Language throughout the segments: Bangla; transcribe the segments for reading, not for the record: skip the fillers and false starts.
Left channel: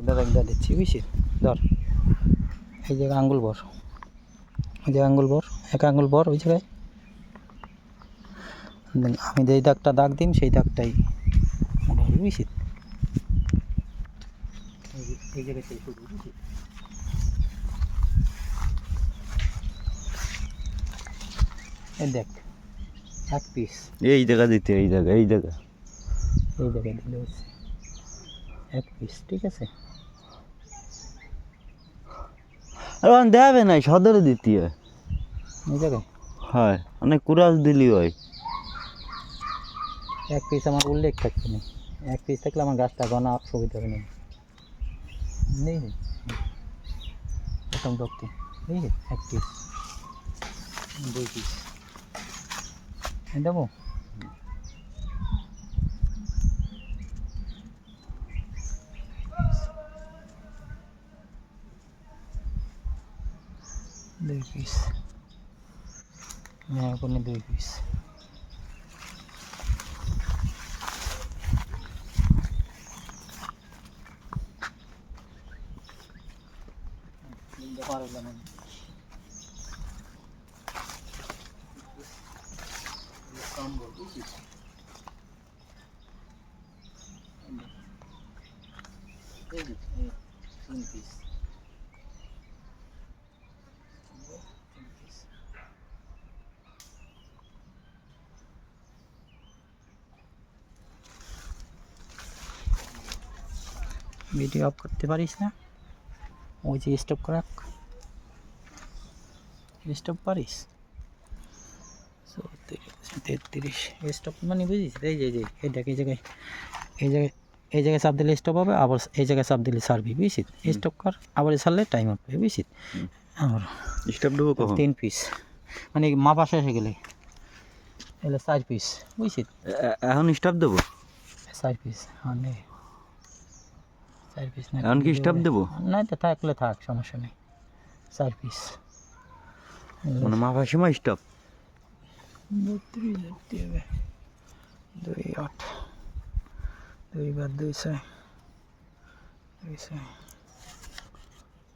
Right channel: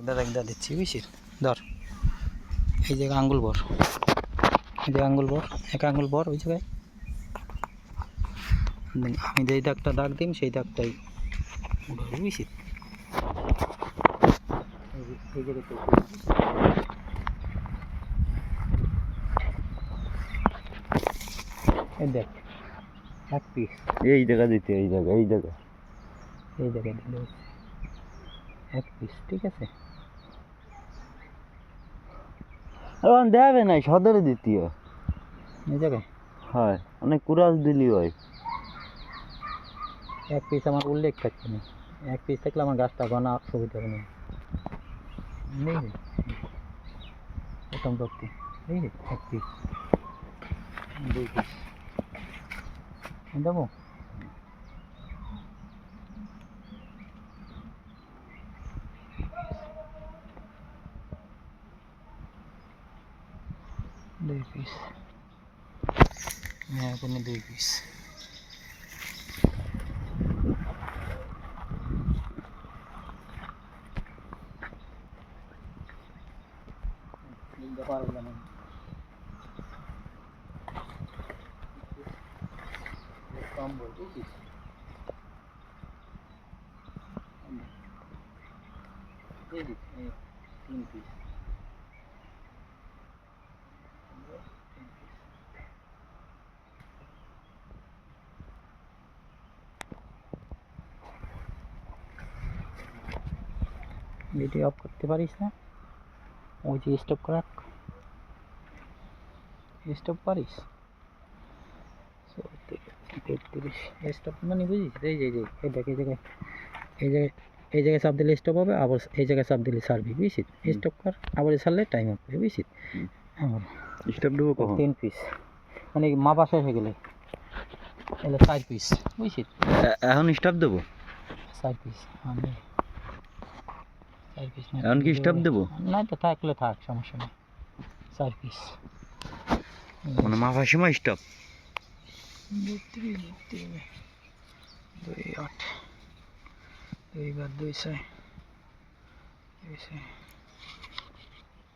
একটা দিচ্ছি বুঝছিস, ধর এই জায়গায় আঙ্গুল বর, এই যে আঙ্গুল বর, এক আঙ্গুল বর ওই জায়গায়। আমি যেই দাগটা দাগ দিন সেই দাগটাই মোটা হবে বুঝছিস। এই জায়গায় এই দেখ এক পিস এই জায়গা দিতে, এই জায়গা এই জায়গায় দিলে হচ্ছে এক পিস, ঠিক আছে। আর দেবে নাই সদরে দিতে হয় এই জায়গায় হয়, অনেক কুরাস দিলি হয়। এক পিস আমার উল্লেখ থাকছে না, এক পিস থাকলে আমার গাছটা গনা সুবিধা হবে না। নেই প্রথম ধরতে এই যে এক পিস, দুই পিস দেবো। দুই পিস, হ্যাঁ এখানে দুই পিস। तीन पीस ভিডিও অফ করতে পারিস না, ওই যে স্টপ করা, স্টপ পারিস 33 স্টপ মানে বুঝিস। এই যে এই দেখ এই জায়গায়, এই জায়গায়, এই জায়গায় চাপ দিলে স্টপ হবে, আবার এই জায়গায় চাপ দিলে ছাড়বি বুঝছিস। স্টপ কর, আবার ছাড়লে টাইম হবে বুঝছিস। আমার স্টপ দেবো কখন? 3 পিস মানে মা পাশে এসে গেলে এলে 4 পিস বুঝছিস। এখন স্টপ দেবো 4 পিস, মানে 4 পিস না এখন কি স্টপ দেবো? না তো থাকলে থাক, সমস্যা নেই। 4 পিস মানে মাপার সময় স্টপ। 2 8 2 বার 2 6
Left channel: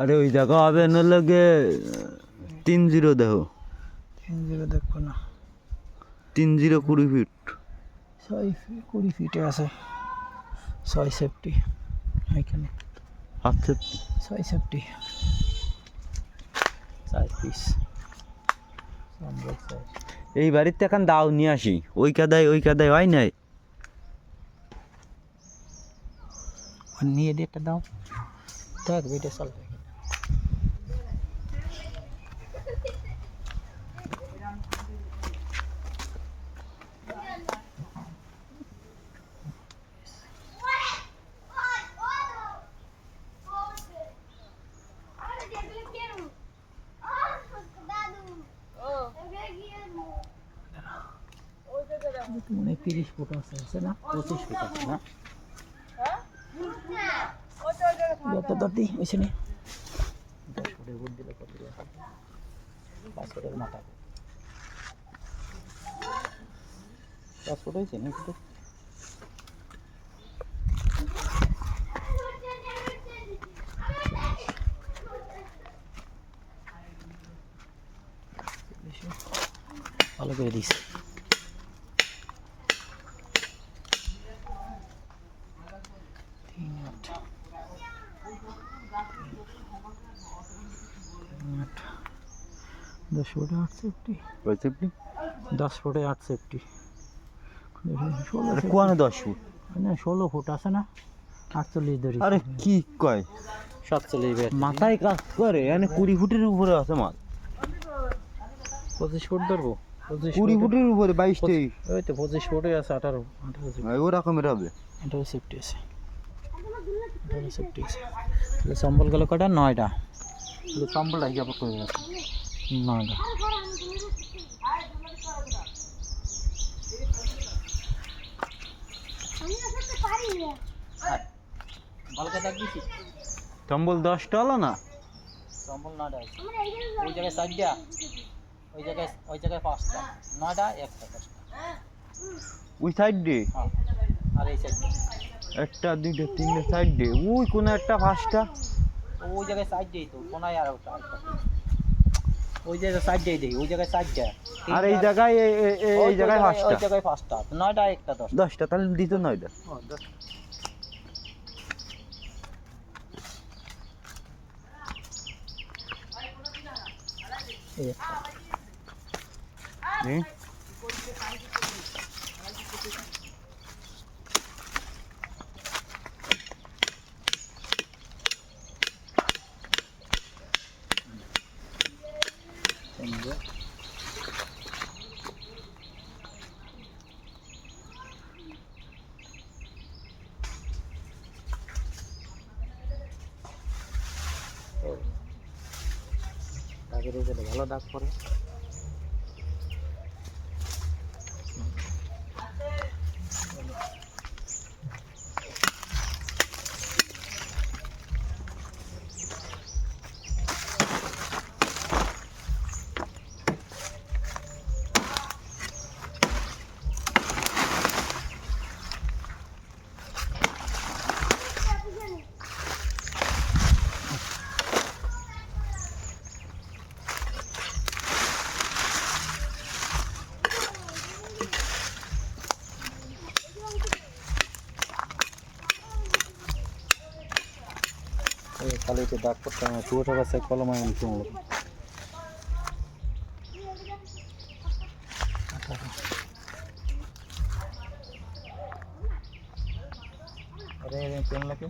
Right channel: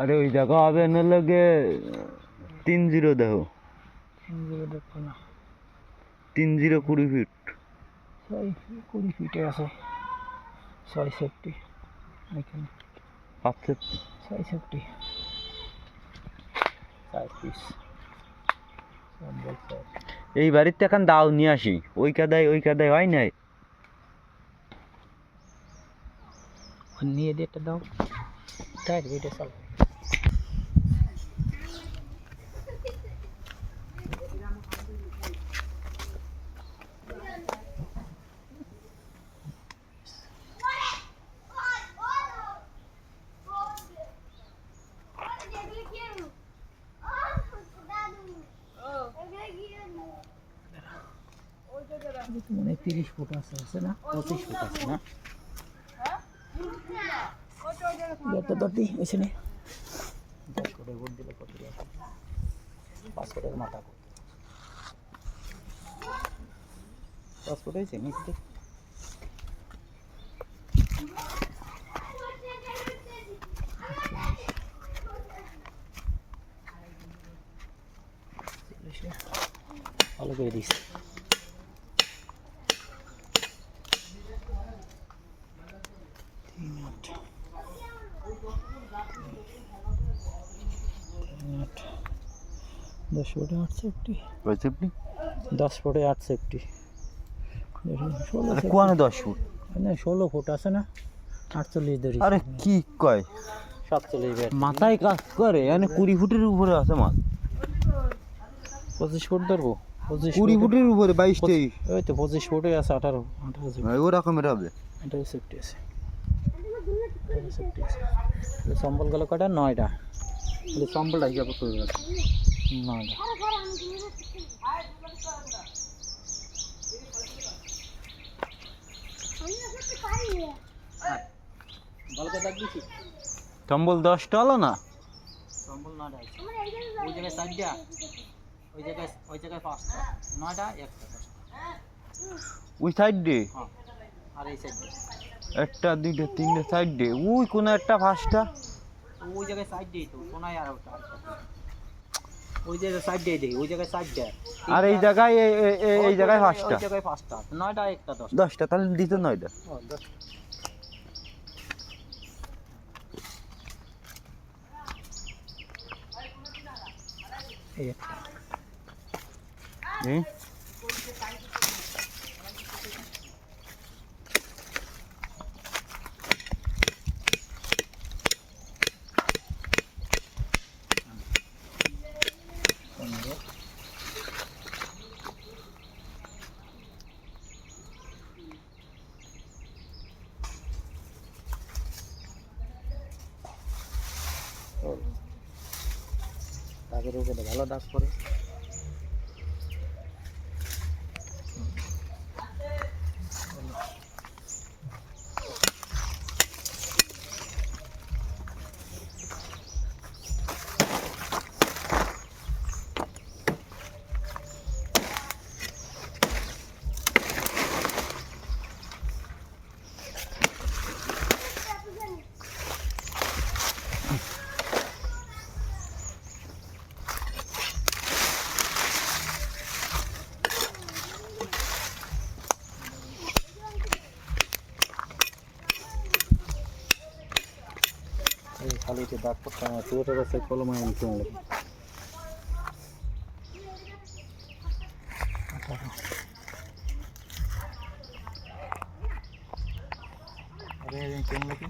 আরে ওই জায়গা হবে না লাগে 30 দেখো, 30 দেখো না, 30 20 ফিট 20 ফিটে আছে। 6 সেফটি এখানে, 5 6 সেফটি 4 পিস। এই বাড়িতে এখন দাও নিয়ে আসি, ওই কাদায় হয় নাই। নিয়ে দিয়ে একটা দাও, দেখ ভিডিও চল। মানে 30 ফুট আছে না, 25 ফুট আছে না, দরটি ওইছে নি 10 ফুটের বুট দিলে কত দিয়ে 5 ফুটের মাথা 5 ফুট হয়েছে নি তো। ভালো করে দিস। दस फुटे 8 सेफ्टी, 10 फुटे 8 सेफ्टी, 10 ফুট না 16 ফুট আছে না, 48 ধরি। আরে কি কয় 47 মাথায় কাজ করে, মানে 20 ফুটের উপরে আছে মাছ। 25 ফুট ধরবো, 20 ফুটের উপরে 22 23, ওই তো 25 ফুটে আছে। 18 ওই রকমের হবে। 18 সেফটি আছে, 18 সেফটি আছে। সম্বল গেল কটা? 9টা। সম্বলটা হিসাব করে 9টা। সম্বল 10টা হলো না, সম্বল 9টা আছে। ওই জায়গায় 4টা, ওই জায়গায় 5টা, 9টা 1টা 5টা ওই সাইড দিয়ে। হ্যাঁ, আর এই সাইড একটা দুইটা তিনটে চারটে ওই কোনো একটা পাঁচটা ওই জায়গায় সাইড দেই তো কোনায় আর একটা ওই জায়গায় সাইড দেই দেই ওই জায়গায় সাইড দেয় আর এই জায়গায় এই জায়গায় পাঁচটা ওই জায়গায় পাঁচটা নয়টা একটা দশ 10টা তাহলে দিত 9টা এই হুম দাগের উপরে ভালো দাগ পড়ে খালি একটু দাগ পড়তাম টুয়েটে গেছে কলম আমি কিনলো अरे क्यों लगे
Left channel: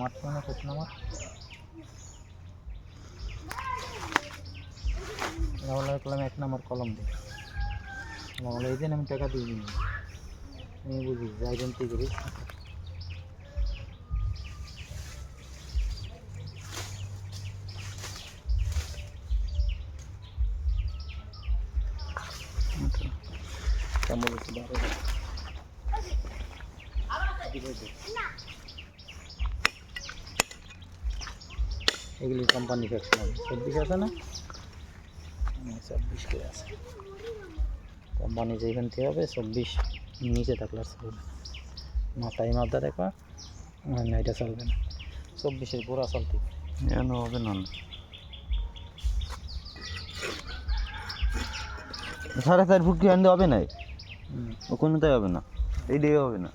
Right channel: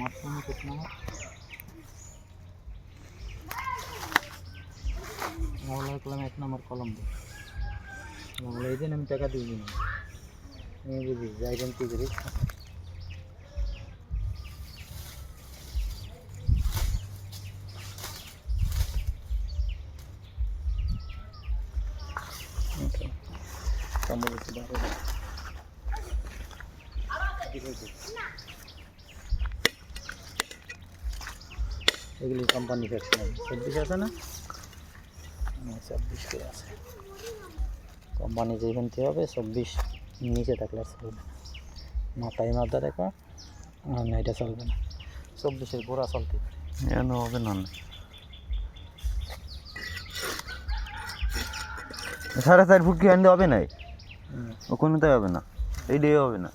मारते ना कुछ ना मार कलम एक नंबर कलम दे मैं टाका दी नहीं बुझी जाए जमती करी এগুলি কোম্পানি ফ্যাকশন 26 আছে না 26 কে আছে কোম্পানি যেখান থেকে হবে 26 নিচে থাকলে আর চলবে না মাথায় মাথা দেখবা না এটা চলবে না 24 এর পুরা চলতে এনো হবে না 4.5 ফুট কি আনতে হবে না ও কোনোটাই হবে না এইটাই হবে না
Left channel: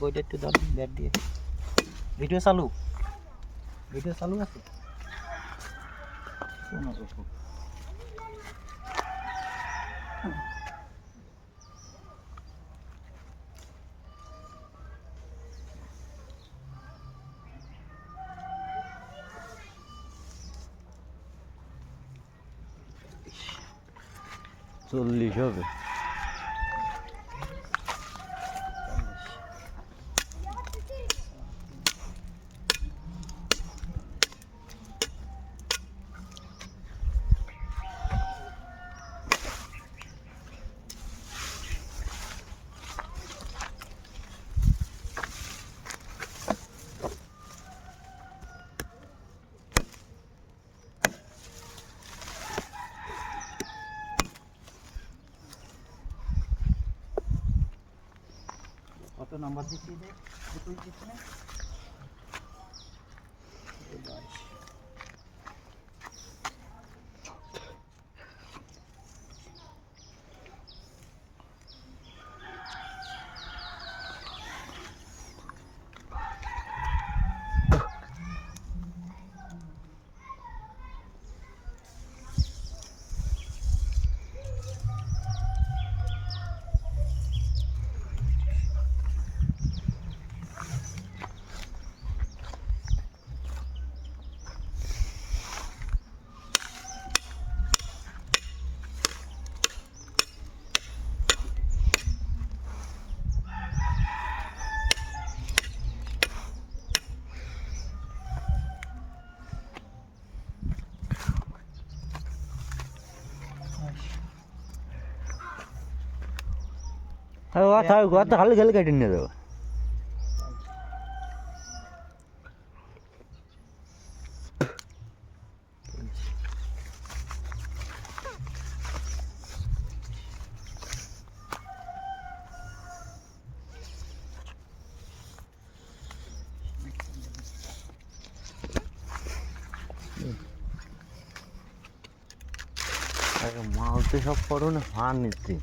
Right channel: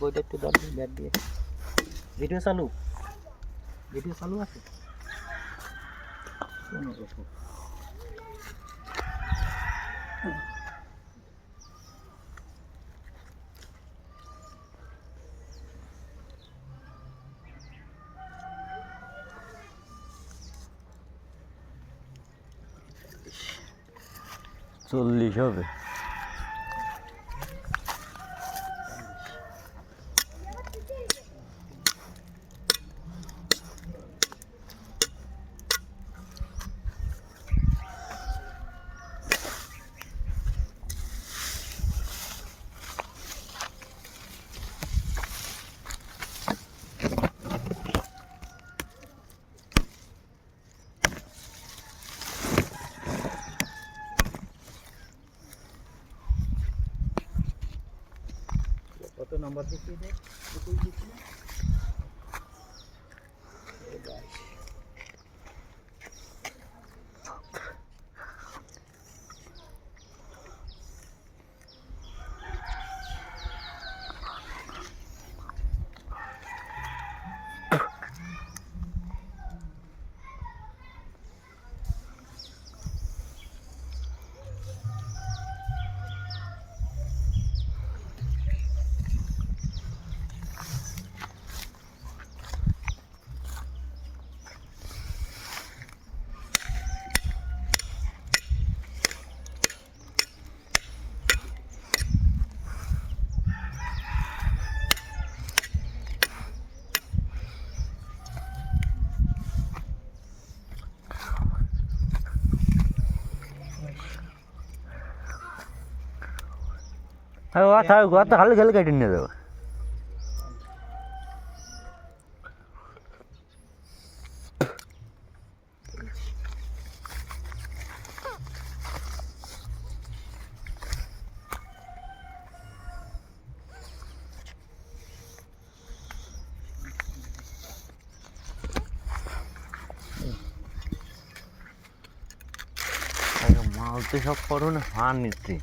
বইটা একটু দাও ব্যাগ দিয়ে ভিডিও চালু আছে কোনো রকম চল্লিশ হবে কত নাম্বার দিচ্ছি এটা 21 দিচ্ছি না কথা খালি খালি কেটে নিয়ে যাবো। মাল তো সব করো না ফান নিচ্ছে।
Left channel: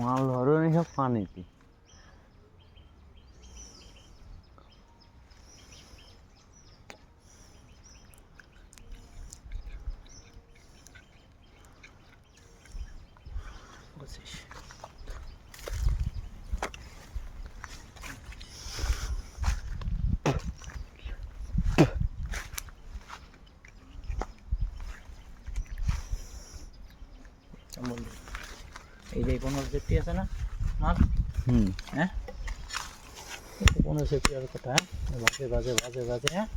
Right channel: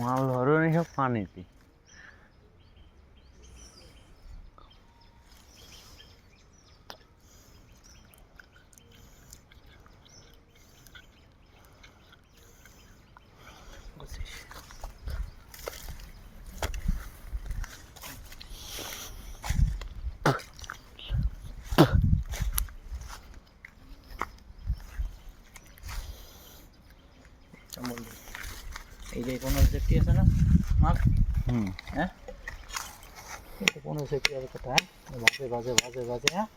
মাল ধরো না সব পানিতে। এই যে 15 সেফটি আছে না মাল, হ্যাঁ 15 সেফটি আর কথা, হ্যাঁ বাজে বাজে বাজে বাজে, হ্যাঁ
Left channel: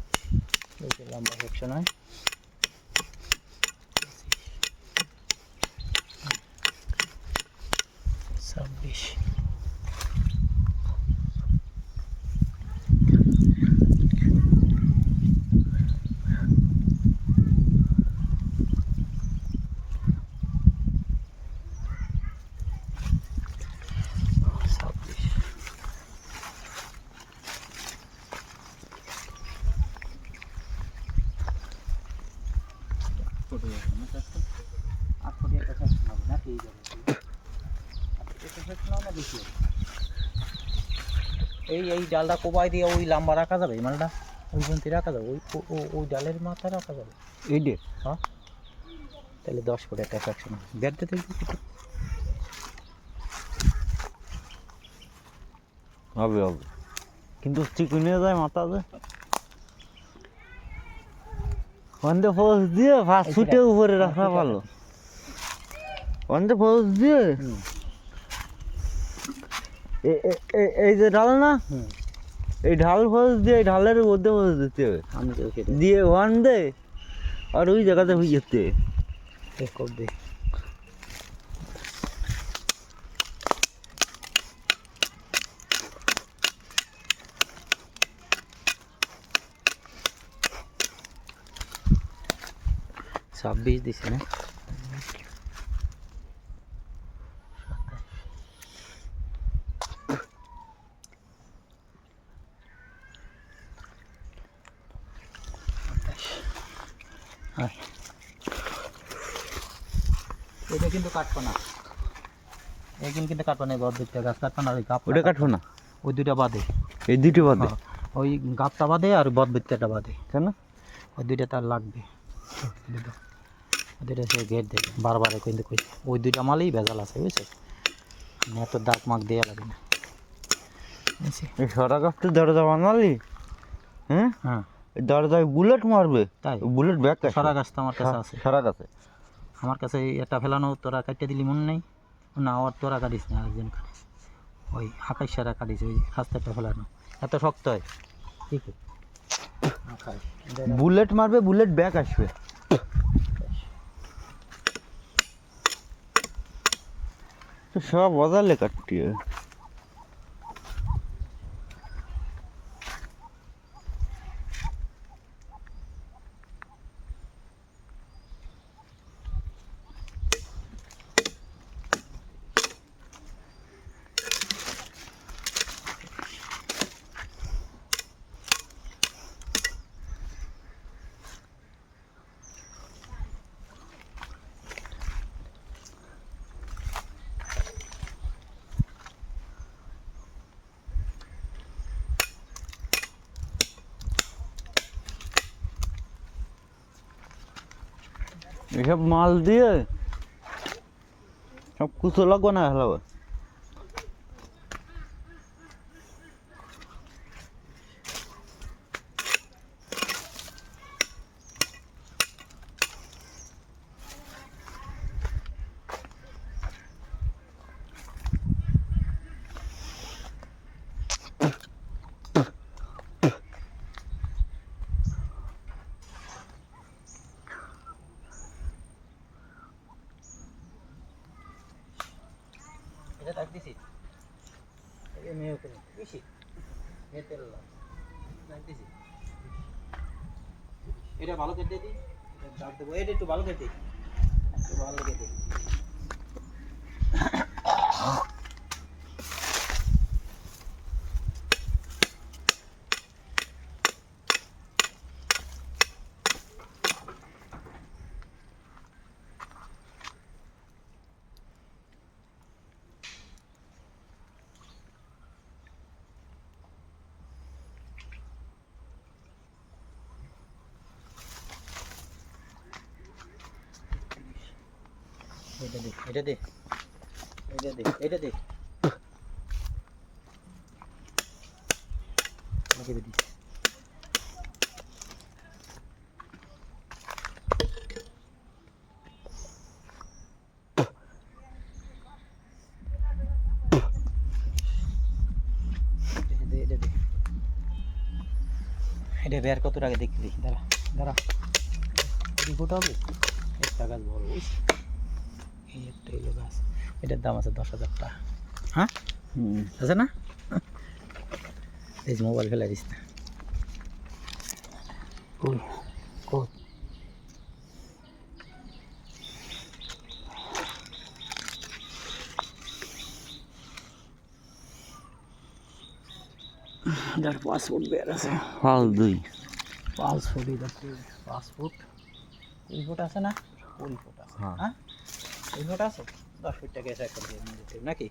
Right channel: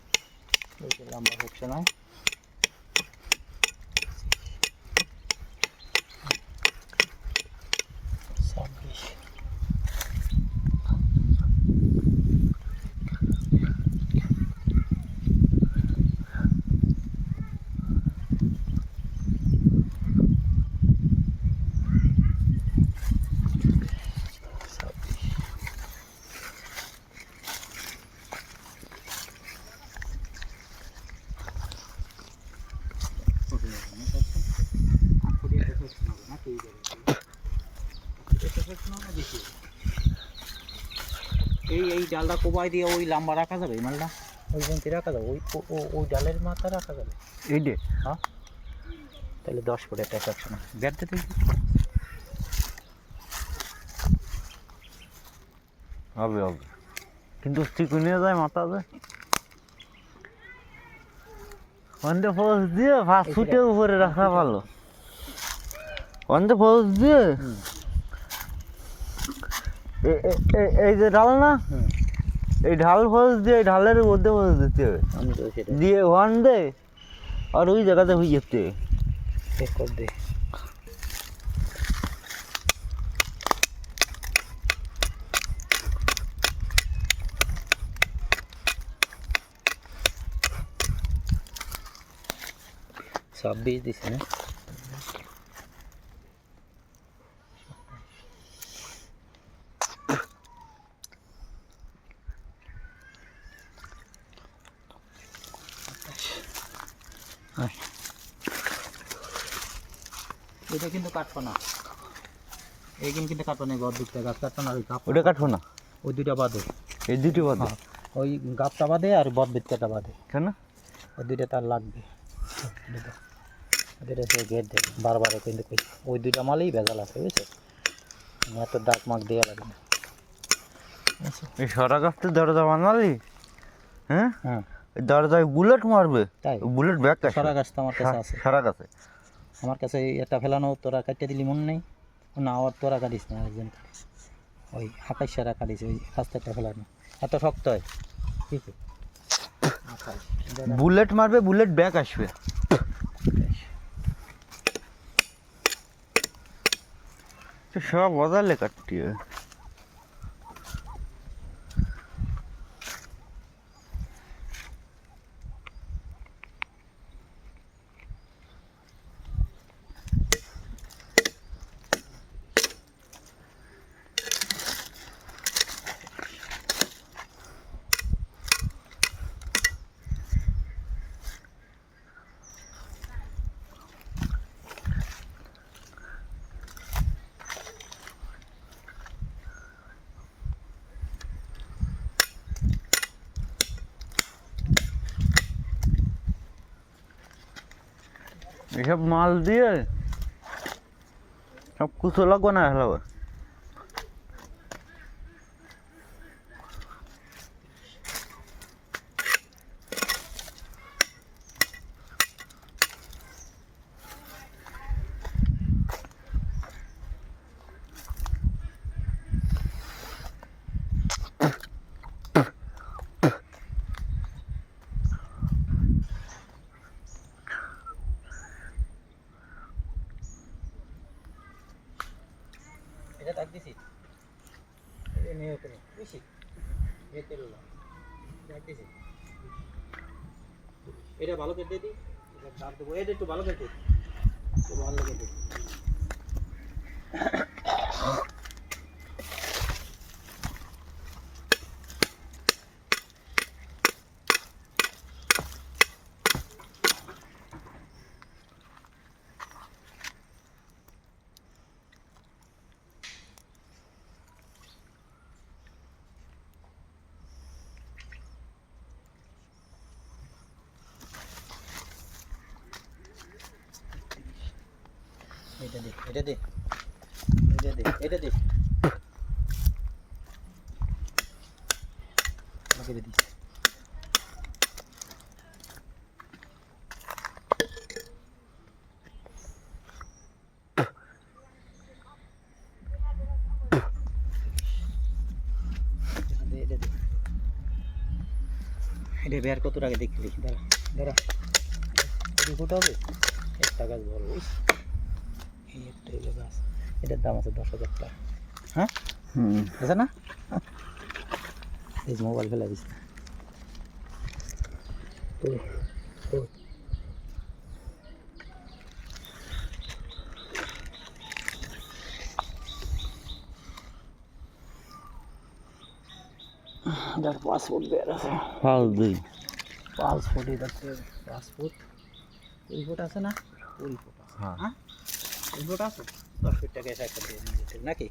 এই যে লম্বা হচ্ছে নয়, ছাব্বিশ এই এই ডালটা কোপাই দিয়ে ওই লম্বা রাখা যাবে, এই মালটা ওই পর্যন্ত রাখা যাবে, ওই ওই ডালের মাথা রাখা যাবে। এই যে হ্যাঁ তাহলে 10 ফুট একটা একশো ব্যাট দিতে হবে হবে, কিন্তু চিকুনে যায় মাথা যায় ওয়ানডে ফোর্স দিয়ে ফার্স্ট ফুটে উপরে রাখা ভালো। ওয়ানডে ফোর্স দিয়ে এই যে ঢাল না, এই ঢাল ফোর্স দিয়ে এই ঢালের মধ্যে ফোর্স দিতে হবে, আমি তো সেটা দিয়ে ওয়ান দে আর ওই জায়গাতে হয়ে যেতে চেক কর দে। সব 20 দিছি না, এটা কিন্তু কাটবো না, এইখান কিন্তু কাটবো না, বড় দিকটা গাছ কাটবো না, ওই গাপ ওটা কাটবো না, ওই দুইটা বাদে, এই দুটি বাদে হ্যাঁ ওই গাপটা বাদে আর বড় দিকটা বাদে, কেন ওই দুইটা তার লাগবে, দুইটা সে ঘের দেবে বারবার কিন্তু কই ওই দুইটা মালেই ভেজাল আছে বুঝছো, এত দাগ মাগ দিয়ে লাগে না। এই সারা গাছ তো দরজা বানালি, হ্যাঁ হ্যাঁ এই দরজায় বুলেট মারবে, তাই বুলেট ব্যাক সারা গাছ তো আমার কাছে আছে, সারা গাছে আমার কাছে এটা ফেলানো তোরা কাটিয়ে দিলি মনে নেই না, ওর তোরা কাটিস না, আরেকজন কাটিস, ওই আকাশ সারা কাটিস, ওই রাস্তাটা ফেলানো এত শক্ত হয় ঠিক আছে, বুলেট মারবে বুলেট ব্যাক আসবে। সব বদলে কাটতি এসব মাল দিয়ে সব কিছু লাগবে না হলো। বেশি এ তেল যাইতেছে এটা ভালো কেটে দিই এটা দাব দেবো এটা একটু ভালো কেটে একটু ভালো কেটে এটা দে এটা দে এটা দে এটা দে আমাকে দে এটা দে এটা বের কত টাকা দেখলি দাঁড়া দাঁড়া এটি ফুটা হবে একটা গাছ বড় এই একটা হলো গাছ এটার দাম আছে 10,000 টাকা হ্যাঁ আছে না এই যে মোবাইল ফেলা দিস না কই কই যার পাসপোর্ট বের আছে হাল দুই 5 ফুট দেখতে 5 ফুট 2 ফুট আছে না 2 ফুট আছে হ্যাঁ হ্যাঁ 2 ফুট আছে 10 ফুট টাকা সেকশন দিয়ে নিতে নাকি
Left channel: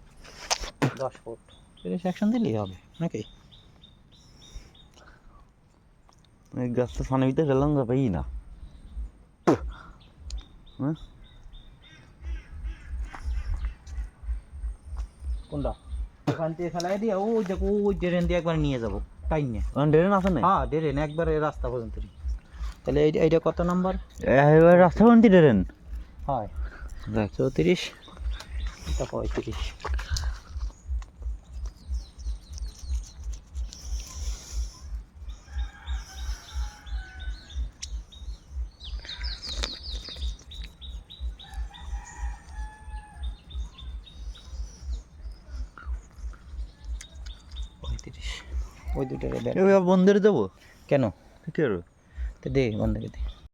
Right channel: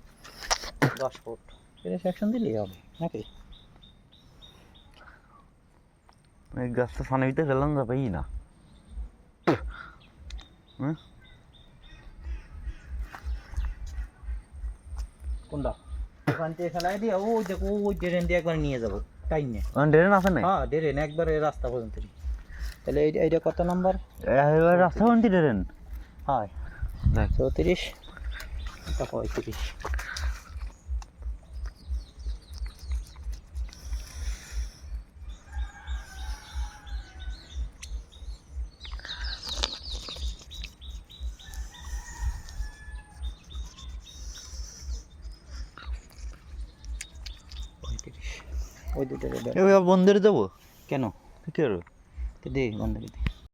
10 ফুট এর সেকশন দিলেই হবে নাকি এই গাছটা ফানিতে গেলাম যা পাই না হ্যাঁ কোনটা ওখান থেকে ফেলাই দিয়ে ওই দেখো ওই ড্রেন দিয়ে একবার নিয়ে যাবো তাই নিয়ে ড্রেন আছে না হ্যাঁ ড্রেন একবারে রাস্তা পর্যন্ত তাহলে এইটা কত নম্বর এবার রাস্তা কোনটি ড্রেন হয় দেখ 34 এটা 35 35 ওই দুটো এবার বন্ধের যাবো কেন ঠিক আছে তো দে বন্ধ করে দে